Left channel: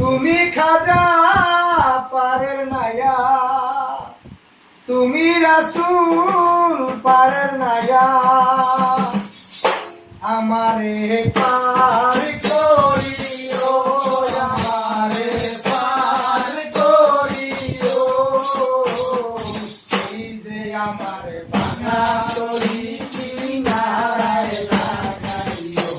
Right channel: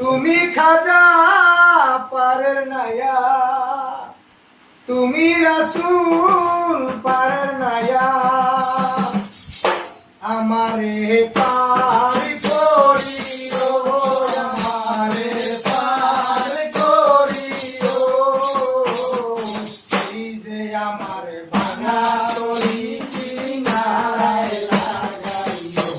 তুমি খাজা পারের নায়া, তুমি রাসূল পারের নায়া, আমারে পার করিও, আমারে পার করিও, এই যে আমার ভাঙা তরি কিনারায় লাগাইও,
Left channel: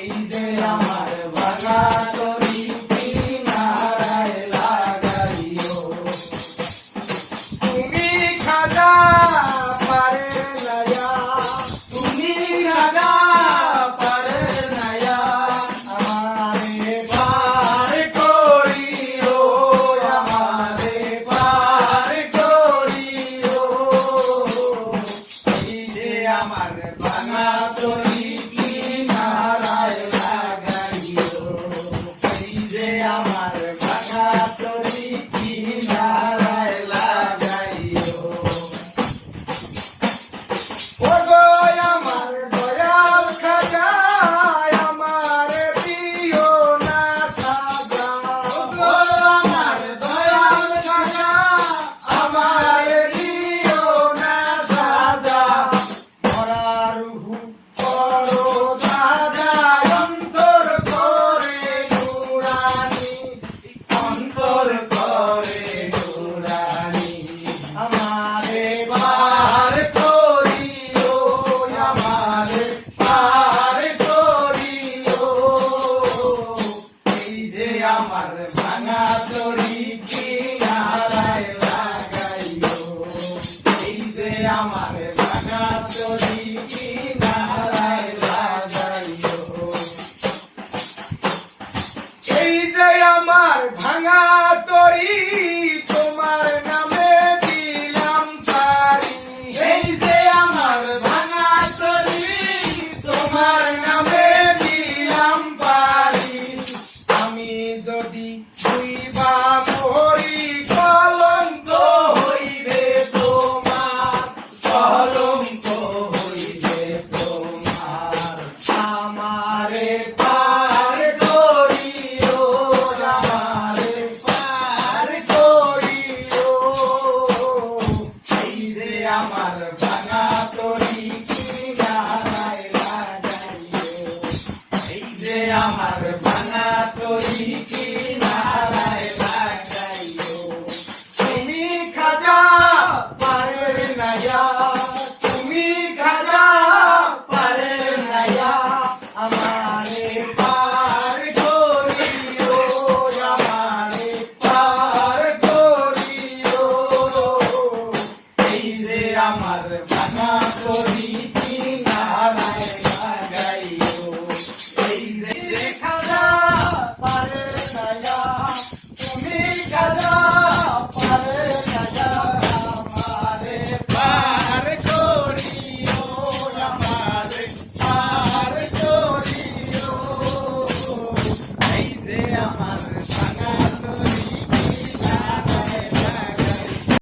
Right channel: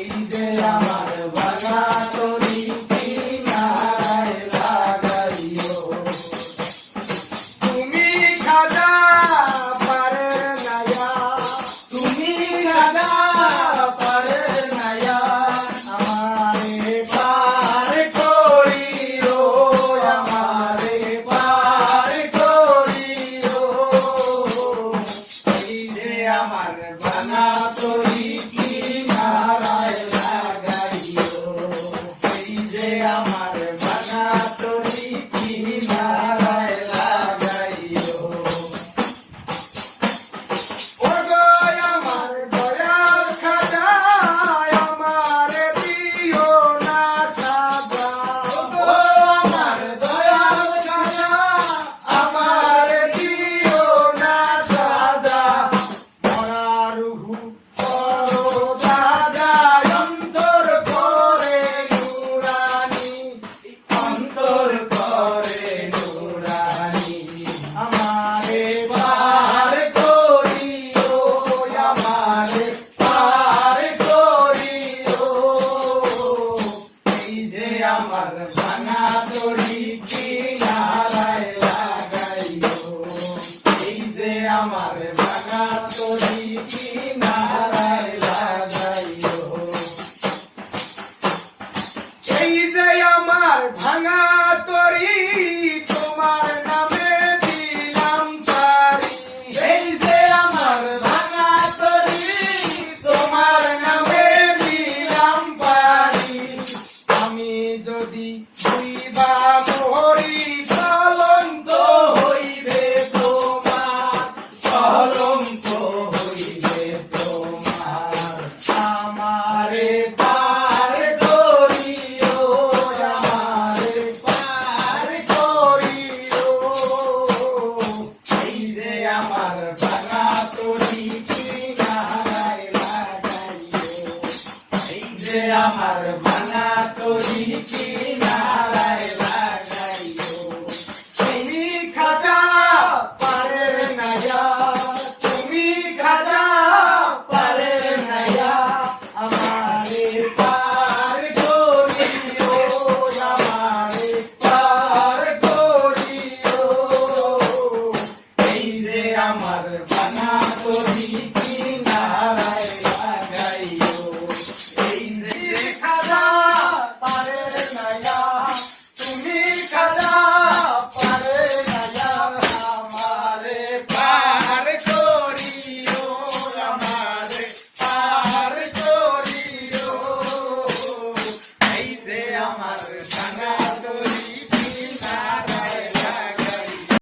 এই যে আমার ভাঙা তরি কিনারায় লাগাইও। তুমি খাজা পারের নায়া, তুমি খাজা পারের নায়া, আমারে পার করিও, আমারে পার করিও, এই যে আমার ভাঙা তরি কিনারায় লাগাইও, এই যে আমার ভাঙা তরি কিনারায় লাগাইও। ওগো আমার দয়াল খাজা, আমারে দিও না সাজা, ওগো আমার দয়াল খাজা, আমারে দিও না সাজা, মরা রুহু করো দাদা অন্তর করে নুরানি, অন্তর করে নুরানি, আমারে পার করিও, আমারে পার করিও, এই যে আমার ভাঙা তরি কিনারায় লাগাইও, এই যে আমার ভাঙা তরি কিনারায় লাগাইও, এই যে আমার ভাঙা তরি তোমার নামে দিলাম পারি, এই যে আমার ভাঙা তরি তোমার নামে দিলাম পারি, আমি যদি দুইবা মরি কলঙ্ক হইবে তোমার, কলঙ্ক হইবে তোমার, আমারে পার করিও, আমারে পার করিও, এই যে আমার ভাঙা তরি কিনারায় লাগাইও, এই যে আমার ভাঙা তরি কিনারায় লাগাইও। তুমি খাজা পারের নায়া, তুমি খাজা পারের নায়া, আমারে পার করিও, আমারে পার করিও, এই যে আমার ভাঙা তরি